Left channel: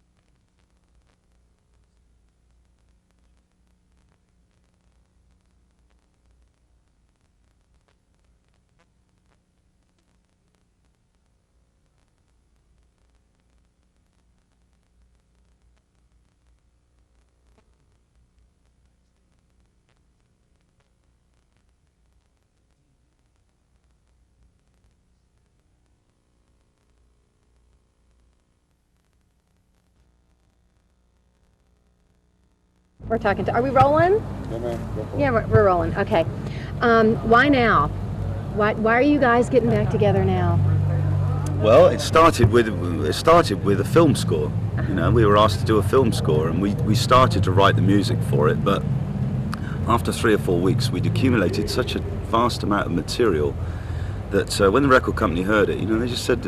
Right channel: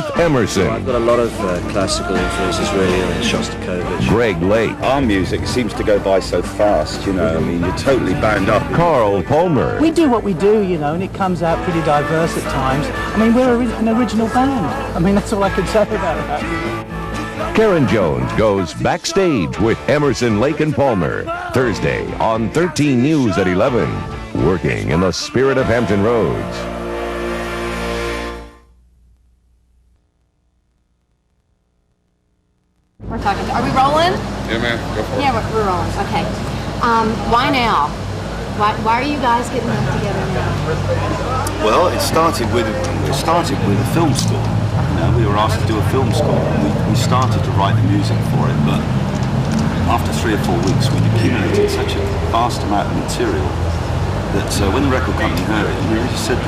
Keith Emerson. I've got a lot of classical influences really, and Shostakovich. Greg Lake. Our music seems to go by so fast, you know, I mean, you're totally bound up. Carl Palmer. We do what we do, you know, and it comes out pretty diverse at times. I mean, we're an original band. I mean, that's all I can say about that. Karen Jones goes backstage with Emerson, Lake and Palmer. Thursday on 13 News at 11. Working in the spirit of Hampton Roads. We're talking to, are we rolling? Yeah, man, go for it. Yeah, we're rolling. Okay. Why now? Why are you guys getting back together now? Well, it started with a film score. You know, we were asked to do a film score, and we started to write the music for it. But after 3 or 4 weeks, we'd accumulated such a vast amount of material that when the record company heard it, they just said,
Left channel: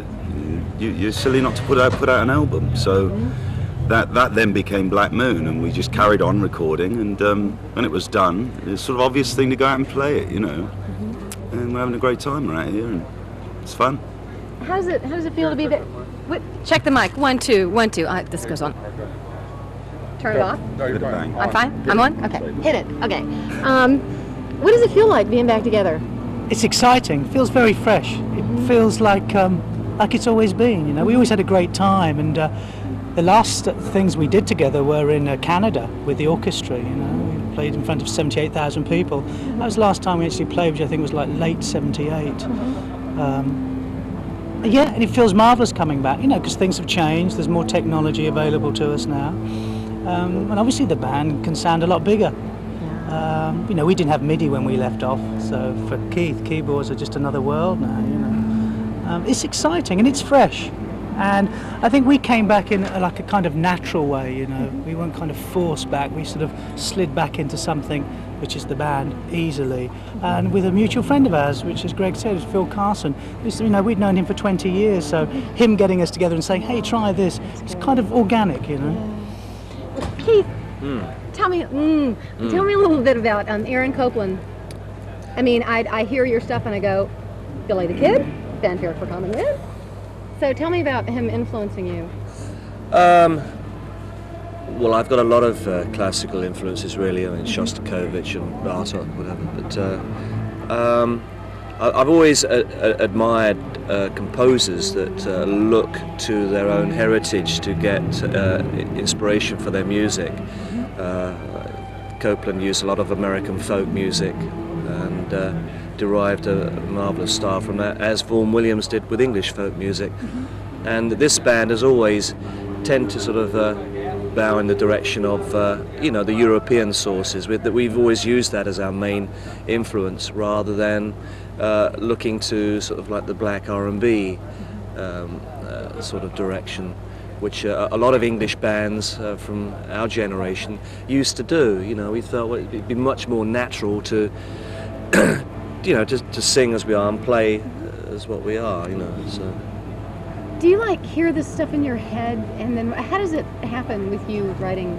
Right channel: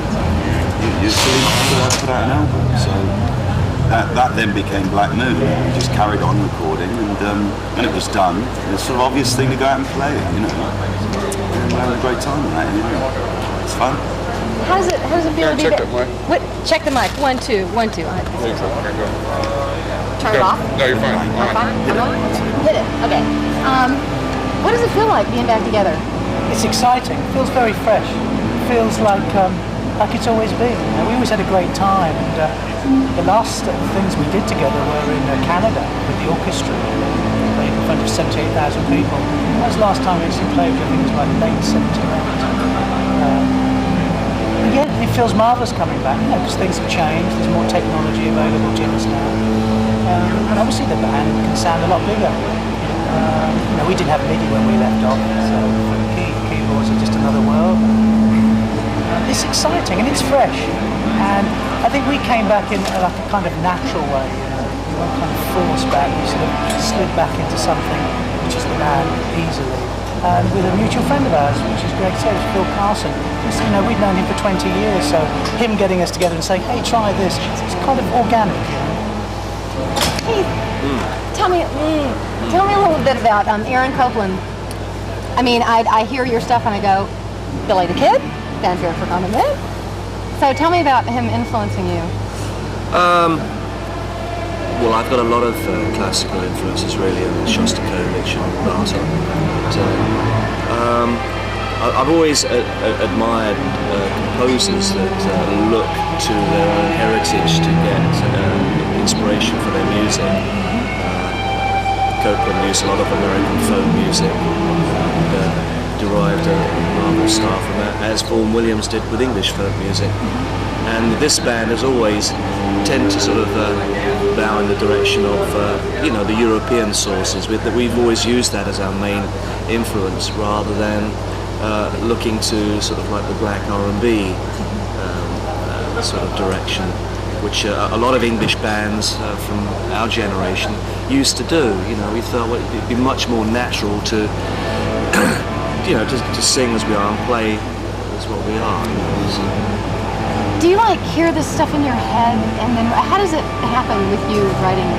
"You're silly not to put out an album." So that then became Black Moon. We just carried on recording, and when it was done, it was sort of obvious thing to go out and play it, you know. And we're having a great time around here. It's fun. How does it feel to be check back? the mic. Check the mic. 1, 2, 1, 2. This goes on. Turn it off. No, you're fine. I'm fine. I'm on. Hit it. Okay. What does it feel like being back together? It's exciting. It feels very fresh. It feels like it's always been. You know, we always had a great time, and the last things we did together were in Canada with the orchestra. Played in front of 78,000 people. That was the last time we actually played, which I think was like late '78. Yeah, it feels marvellous coming back, you know, because things have changed. There's more technology available to us now, and obviously the band can sound a lot bigger. You know, we didn't have MIDI when we left off, so keyboards are just another world. It's exciting and it's fresh, and I think we came back in like a kind of natural way. You know, we weren't kind of forced back. We sort of slid back into something which is the band easily. And with a mutual friend of ours, which is Greg said, is Phil Carson. You know, we'd known him for 20 years, so him getting us together and saying, "Hey, try this," it's kind of organic, you know. Keith, tell me a little bit about Aaron Copland. I mean, I hear your stuff and I go, Billy the Kid, that's here for another bit. So tell me about him influencing you. Well, I've got a lot of classical influences really, and Shostakovich and Bartok. I've always admired composers that look to their own heritage to get inspiration for their music. Copland used a lot of American folk music and derived a marvelous style from that, as Vaughan Williams did with English folk music. And this band has always tend to sort of bow in the direction of you know, the European sources. We've always used that as our main influence, rather than looking to sort of like the black R&B sort of direction, which a lot of English bands from our generation used to do. You know, we felt it'd be much more natural to you know, to sing as we are and play as what we are. You know, Do you like hear this stuff in your head, and then how does it happen with you writing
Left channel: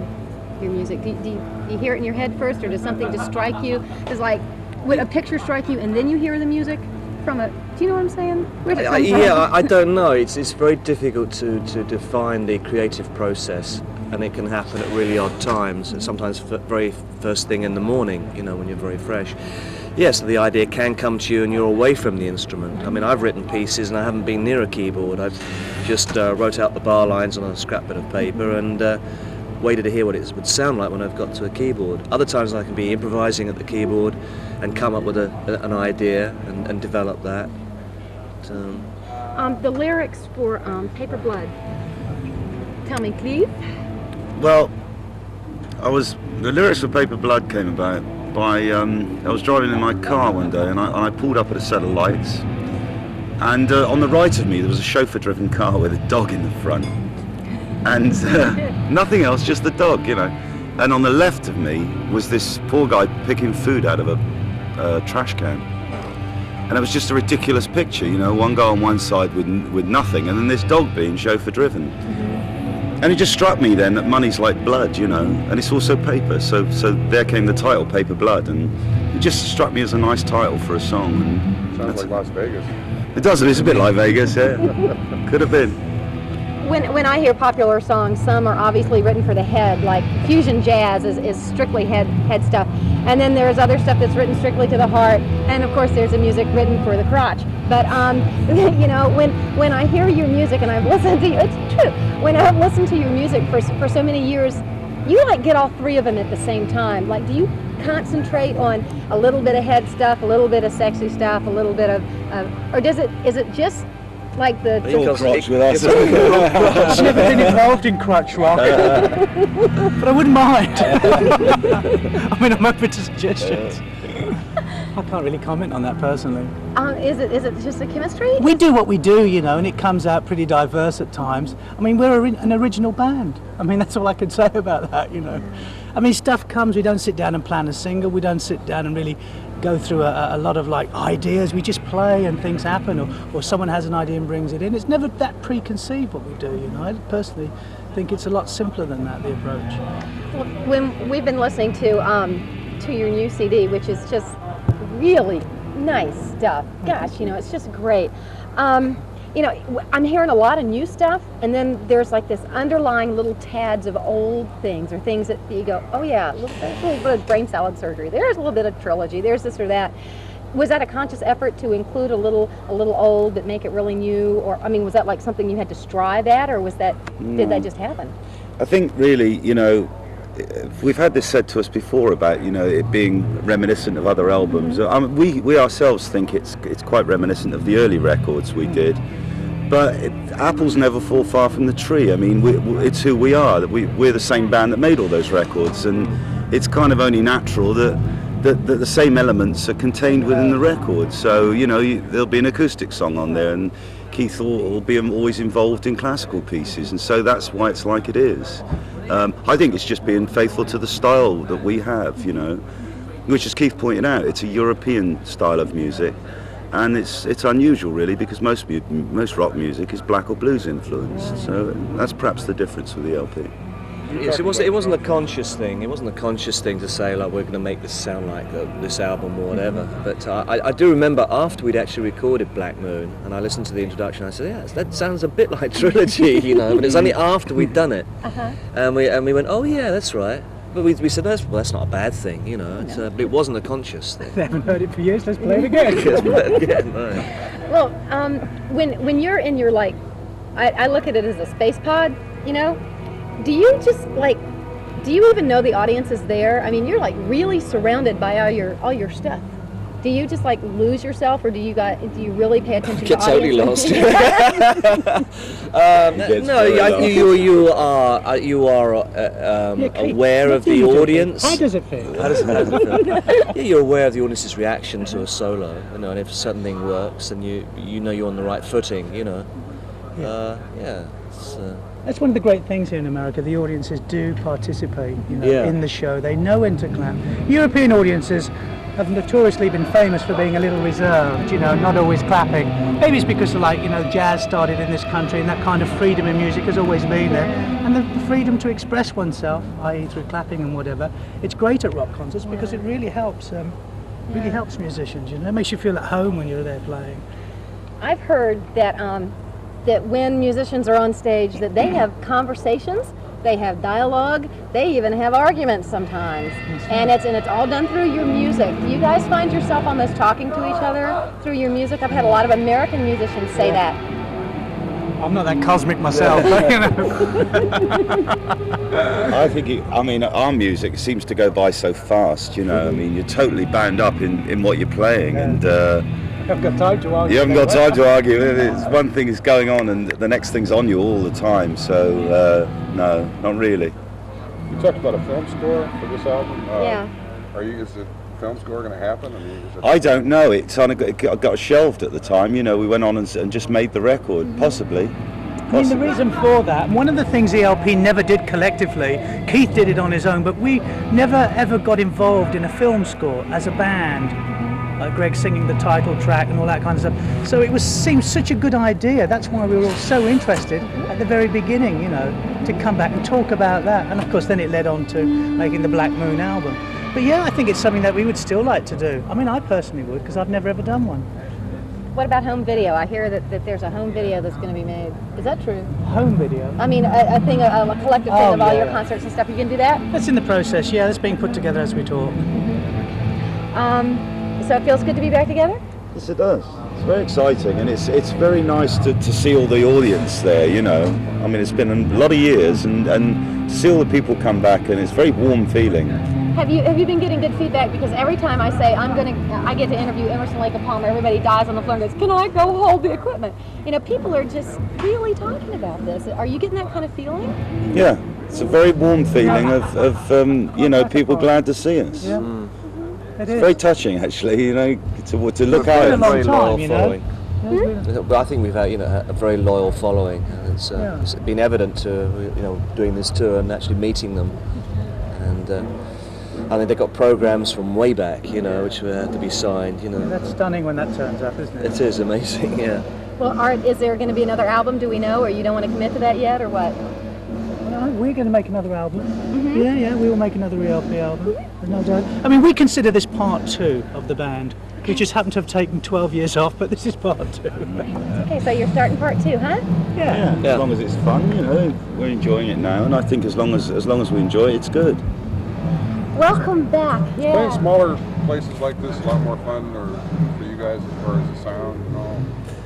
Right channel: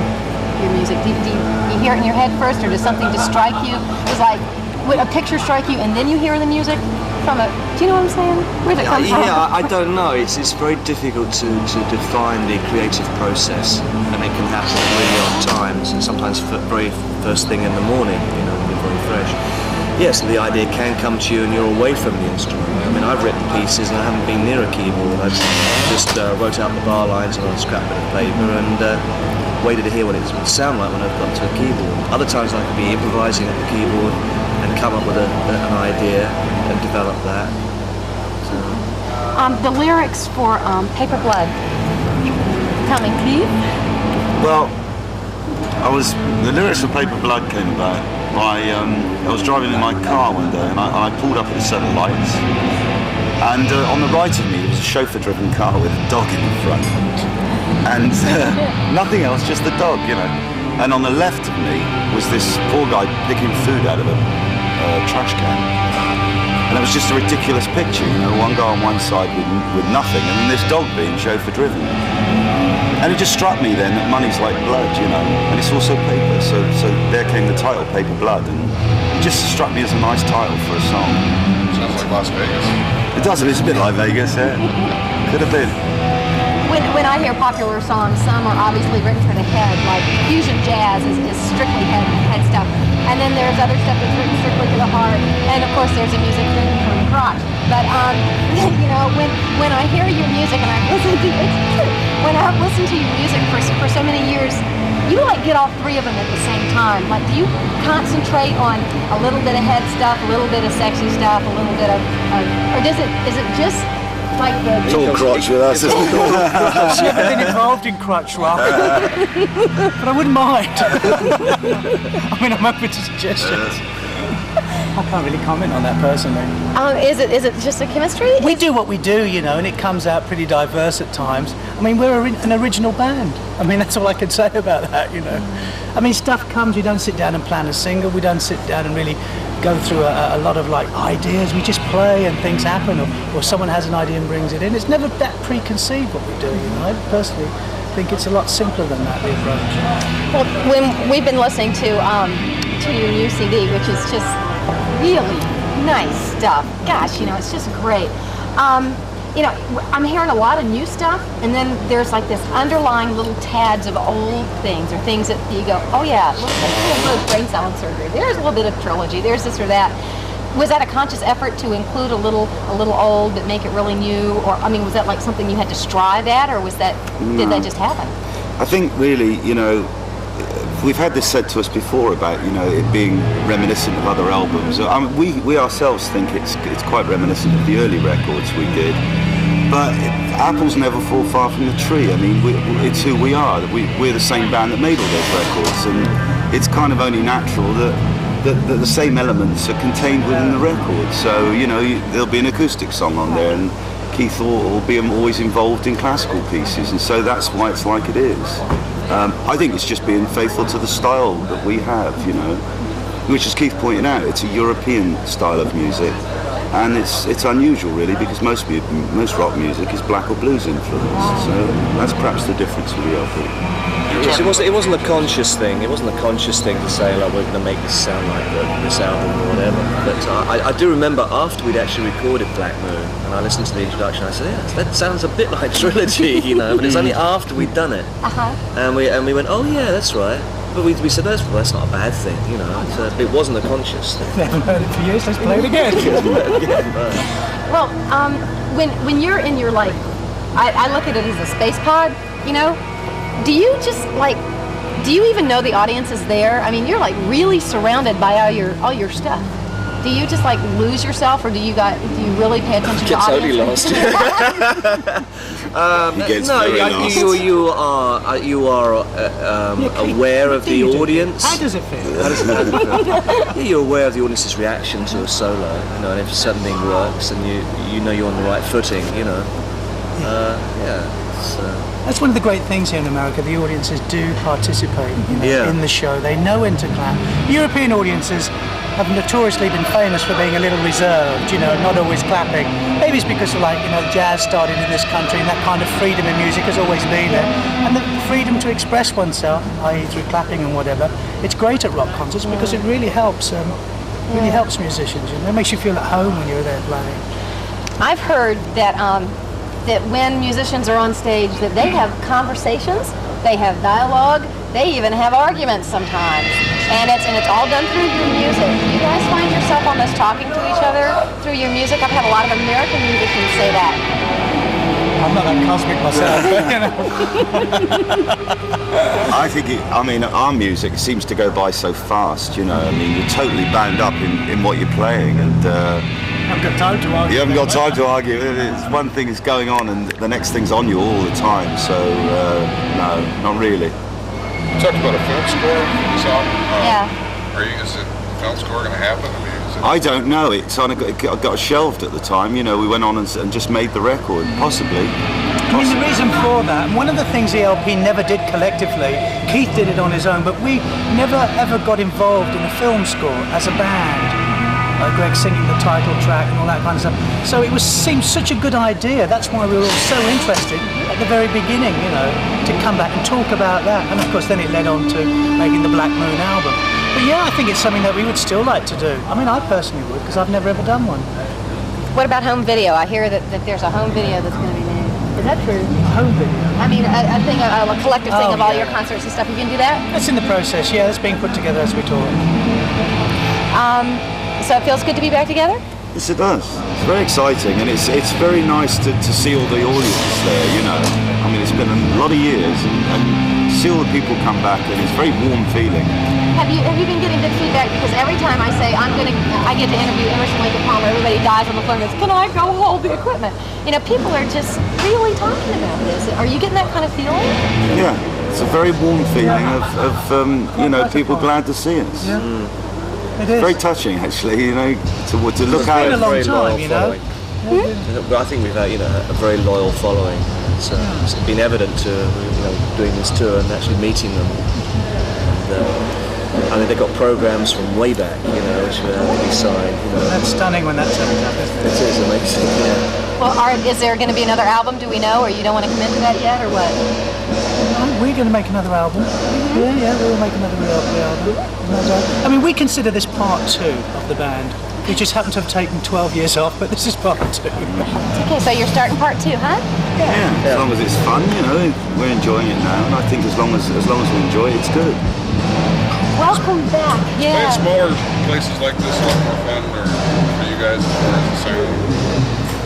your music? Do you hear it in your head first, or does something just strike you? Does like would a picture strike you, and then you hear the music from it? Do you know what I'm saying? Where's it come from? Yeah, I don't know. It's very difficult to define the creative process, and it can happen at really odd times, and sometimes very first thing in the morning, you know, when you're very fresh. Yes, the idea can come to you and you're away from the instrument. I mean, I've written pieces and I haven't been near a keyboard. I've just wrote out the bar lines on a scrap bit of paper and waited to hear what it would sound like when I've got to a keyboard. Other times I could be improvising at the keyboard and come up with an idea and develop that. So. The lyrics for Paper Blood. Tell me, Keith. Well, the lyrics of Paper Blood came about by, I was driving in my car one day and I pulled up at a set of lights, and on the right of me there was a chauffeur-driven car with a dog in the front, and nothing else, just the dog, you know. And on the left of me was this poor guy picking food out of a trash can, and it was just a ridiculous picture, you know, one guy on one side with nothing, and then this dog being chauffeur-driven. And it just struck me then that money's like blood, you know, and it's also paper. So there came the title, Paper Blood, and it just struck me as a nice title for a song. Sounds like Las Vegas. It does, it's a bit like Vegas, yeah. Could have been. when I hear popular songs, some are obviously written for the head, like fusion jazz is strictly head stuff. And then there's other stuff that's written strictly to the heart. And of course there's a music written for the crotch. But you know, when I hear your music, and I've listened to it's true, when I've listened to your music for so many years, you like get all three of them at the same time. Like, do you concentrate on a little bit of head stuff, a little bit of sexy stuff, a little bit of or is it just like the... It's all crotch with us. I've never been involved in crotch rock, but I wouldn't mind. I mean, I'm open to suggestions. I can't really comment on that personally. Oh, is it just a chemistry? We do what we do, you know, and it comes out pretty diverse at times. I mean, we're an original band. I mean, that's all I can say about that, you know. I mean, stuff comes, we don't sit down and plan a single, we don't sit down and really go through a lot of like ideas, we just play and things happen, or someone has an idea and brings it in. It's never that preconceived what we do, you know. I personally think it's a lot simpler than that, the approach. Well, when we've been listening to your new CD, which is just really nice stuff. Gosh, you know, it's just great. You know, I'm hearing a lot of new stuff, and then there's like this underlying little tads of old things, or things that you go, oh yeah, look, there's a little brain salad surgery. There's a little bit of trilogy. There's this or that. Was that a conscious effort to include a little old but make it really new, or I mean, was that like something you had to strive at, or was that did that just happen? I think really, you know, we've had this said to us before about, you know, it being reminiscent of other albums. I mean, we ourselves think it's quite reminiscent of the early records we did. But apples never fall far from the tree. I mean, it's who we are. We're the same band that made all those records, and it's kind of only natural that the same elements are contained within the record. So, you know, there'll be an acoustic song on there, and Keith will be always involved in classical pieces, and so that's why it's like it is. I think it's just being faithful to the style that we have, you know, which, as Keith pointed out, it's a European style of music, and it's unusual really, because most rock music is black or blues influenced. So that's perhaps the difference with the LP. It wasn't a conscious thing. It wasn't a conscious thing to say, like, we're going to make this sound like this album or whatever. But I do remember after we'd actually recorded Black Moon, and I listened to the introduction, I said, yeah, that sounds a bit like Trilogy, you know. But it's only after we'd done it, and we went, oh yeah, that's right. But we said, well, that's not a bad thing, you know. It wasn't a conscious thing. I haven't heard it for years. Let's play it again. Well, when you're in your, like, I look at it as a space pod, you know. Do you just like? Do you even know the audience is there? I mean, you're like really surrounded by all your stuff. Do you just like lose yourself, or do you really pay attention to the audience? Totally lost. No, you are aware of the audience. How does it feel? You're aware of the audience's reaction to a solo, you know, and if something works, and you know you're on the right footing, you know. That's one of the great things here in America. The audiences do participate, you know, in the show. They know when to clap. European audiences have notoriously been famous for being a little reserved, you know, not always clapping. Maybe it's because, like, you know, jazz started in this country, and that kind of freedom in music has always been there. And the freedom to express oneself, i.e. through clapping and whatever, it's great at rock concerts because it really helps musicians, you know. It makes you feel at home when you're there playing. I've heard that that when musicians are on stage, that they have conversations, they have dialogue, they even have arguments sometimes, and it's all done through your music. Do you guys find yourself almost talking to each other through your music? I've had a lot of American musicians say that. I'm not that cosmic myself. I think our music seems to go by so fast, you know. I mean, you're totally bound up in what you're playing, and You haven't got time to argue. You haven't got time to argue. It's one thing is going on, and the next thing's on you all the time. So no, not really. You talked about a film score for this album. Yeah. Is the film score going to happen? I mean, I don't know. It got shelved at the time. You know, we went on and just made the record, possibly. I mean, the reason for that, one of the things the LP never did collectively, Keith did it on his own, but we never ever got involved in a film score as a band. Greg singing the title track and all that kind of stuff. So it seemed such a good idea. That's why we were all so interested at the very beginning, you know, to come back and talk about that. And of course then it led on to making the Black Moon album. But yeah, I think it's something that we would still like to do. I mean, I personally would, because I've never ever done one. What about home video? I hear that there's a home video that's going to be made. Is that true? Home video. I mean, a thing, a collective thing of all yeah. your concerts and stuff. You can do that? It's in the process, yeah. It's being put together as we talk. So it feels good to be back together? Yes, it does. It's very exciting, and it's very nice to see all the audience there, you know. I mean, it's been a lot of years, and to see all the people come back, and it's a very warm feeling. Have you been getting good feedback? Because every time I say I get to interview Emerson, Lake and Palmer, everybody dies on the floor and goes, "Can I go hold the equipment?" You know, people are just really talking about this. Are you getting that kind of feeling? Yeah, it's a very warm feeling of you know, people glad to see us. Yeah. It is. Very touching, actually, you know, to look at been a it. long time, you know. But I think we've had, a very loyal following. It's been evident to, doing this tour and actually meeting them. And I mean, they've got programs from way back, which we signed. That's stunning when that turns up, isn't it? It is amazing, yeah. Well, is there going to be another album? Do we know, or you don't want to commit to that yet, or what? We're going to make another album. Yeah, we'll make another album. I mean, we consider this part 2 of the band. We just happen to have taken 12 years off, but this is part 2. Okay, so you're starting part 2, huh? Yeah, as long as it's fun, we're enjoying it now, and I think as long as we enjoy it, it's good. Welcome back. Playing smaller places like this is a lot more fun, or for you guys, as far as the sound,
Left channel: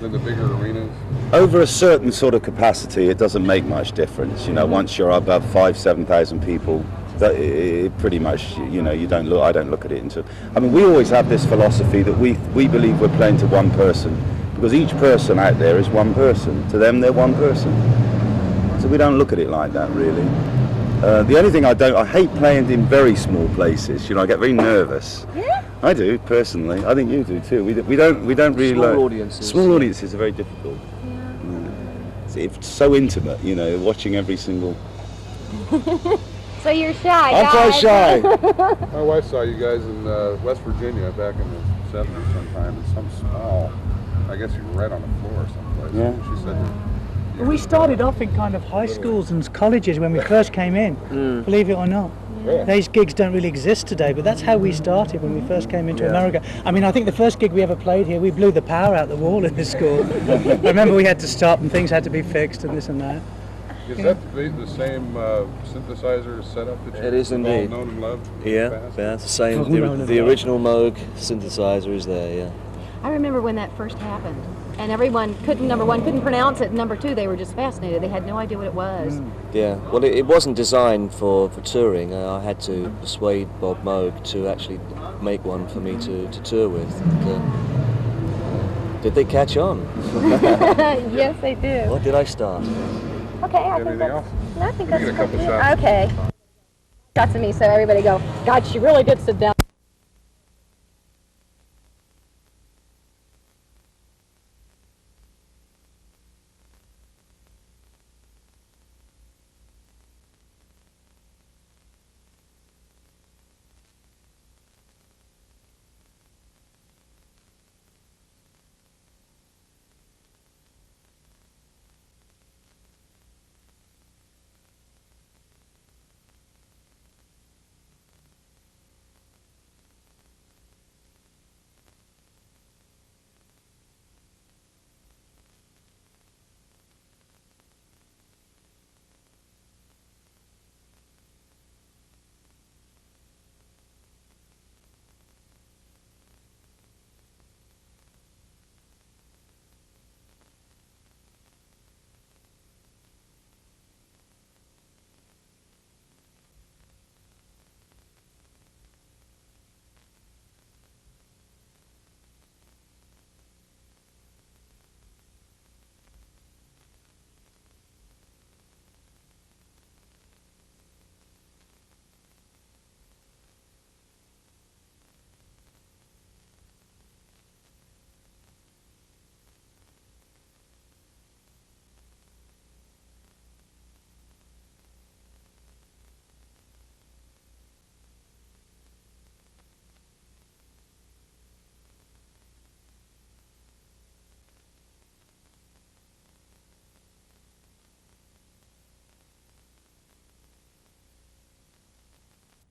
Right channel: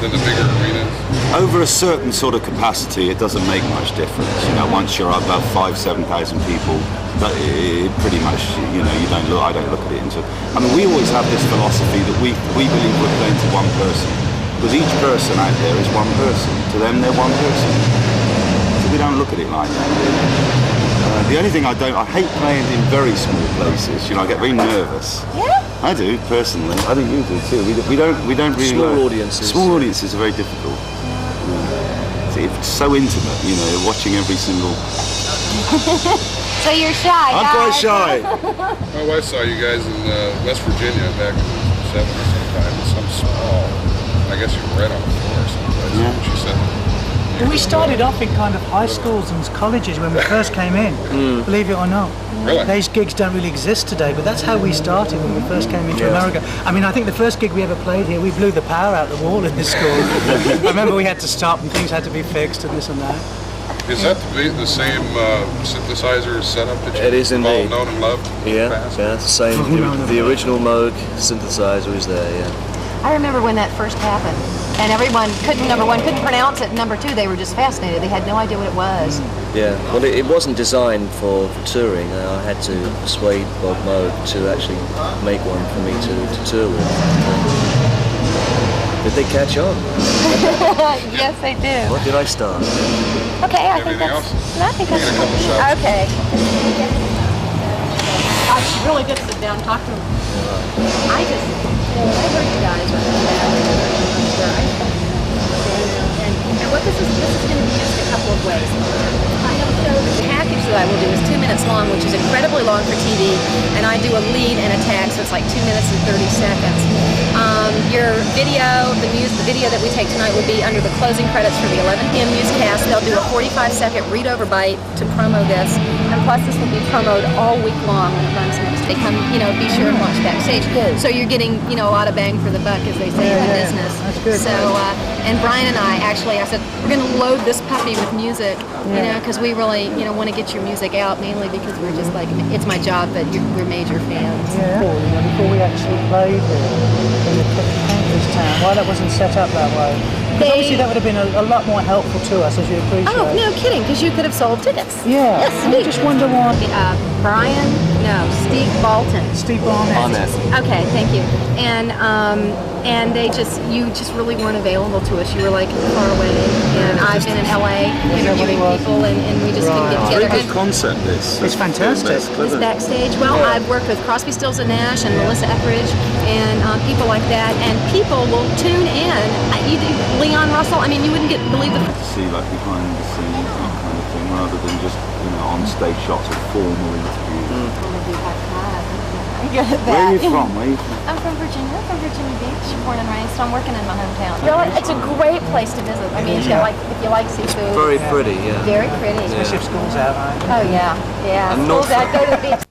than the bigger arenas. Over a certain sort of capacity, it doesn't make much difference. Once you're above 5,000-7,000 people, but it pretty much, I don't look at it until. I mean, we always have this philosophy that we believe we're playing to one person, because each person out there is one person. To them, they're one person. So we don't look at it like that, really. The only thing I hate playing in very small places. I get very nervous. Yeah? I do, personally. I think you do too. We don't really Small audiences. Small audiences are very difficult. It's so intimate, watching every single. So you're shy, I'm quite shy. My wife saw you guys in West Virginia back in the 70s sometime in some small, I guess you were right on the floor or something. Yeah. She said, We started off in kind of high schools and colleges when we first came in, believe it or not. Really? These gigs don't really exist today, but that's how we started when we first came into America. I mean, I think the first gig we ever played here, we blew the power out the wall in this school. I remember we had to stop and things had to be fixed and this and that. is that the same synthesizer setup that It is you've all indeed. known and loved in the past? Yeah, it's the same. The original Moog synthesizer is there, yeah. I remember when that first happened, and everyone number one, couldn't pronounce it, number two, they were just fascinated. They had no idea what it was. Yeah, well, it wasn't designed for touring. I had to persuade Bob Moog to actually make one for me to tour with. Did they catch on? Yes, they do. What did I start? Okay, I think Anything else? I think We get a couple shots. okay. Talk to me, so everybody goes, God, she really did sit down and talk to me. I heard you guys were and what this is going to be just a couple of ways. The package that I will do is 2 minutes long, which is incredibly long for TV, and I do a lead and a tag, so it's like 2 minutes and 30 seconds. Your video, the video that we take tonight will be under the closing credits for the 11 p.m. newscast. They'll do a 45-second read-over bite to promo this, and plus this will be promoted all week long when it runs next week. Come, be sure and watch backstage. So you're getting, a lot of bang for the buck, as they say in the business. That's good. So, and Brian and I said, we're going to load this puppy with music, because we really, want to get your music out, mainly because we're just like, it's my job, but we're major fans. Yeah. Before we actually played here in the Country's Town, why that wasn't set up that way? Because obviously that would have been a lot more helpful to us, as you appreciate. Oh, no kidding, because you could have sold tickets. Yeah. Yes, I just wonder why. Steve Bolton. Steve Barnett. Okay, thank you. And you just really weren't available to us. You were like far away, and I've been in LA interviewing people, and we just couldn't get together. Very good concept, this. It's fantastic. This backstage. Well, I've worked with Crosby, Stills and Nash and Melissa Etheridge and people like that, and people will tune in. You do Leon Russell. I mean, you wouldn't believe the. See, like behind the scenes, that kind of thing, rather than just on stage shots of formal interviews. Good at Where are you that. from? I'm from Virginia. I'm from Virginia Beach, born and raised. So I'm working in my hometown. It's a great place to visit. I mean, if you like seafood. Very pretty, yeah. Very pretty. Especially if school's out, right? Oh yeah, yeah. And School's not- out. Go to the beach.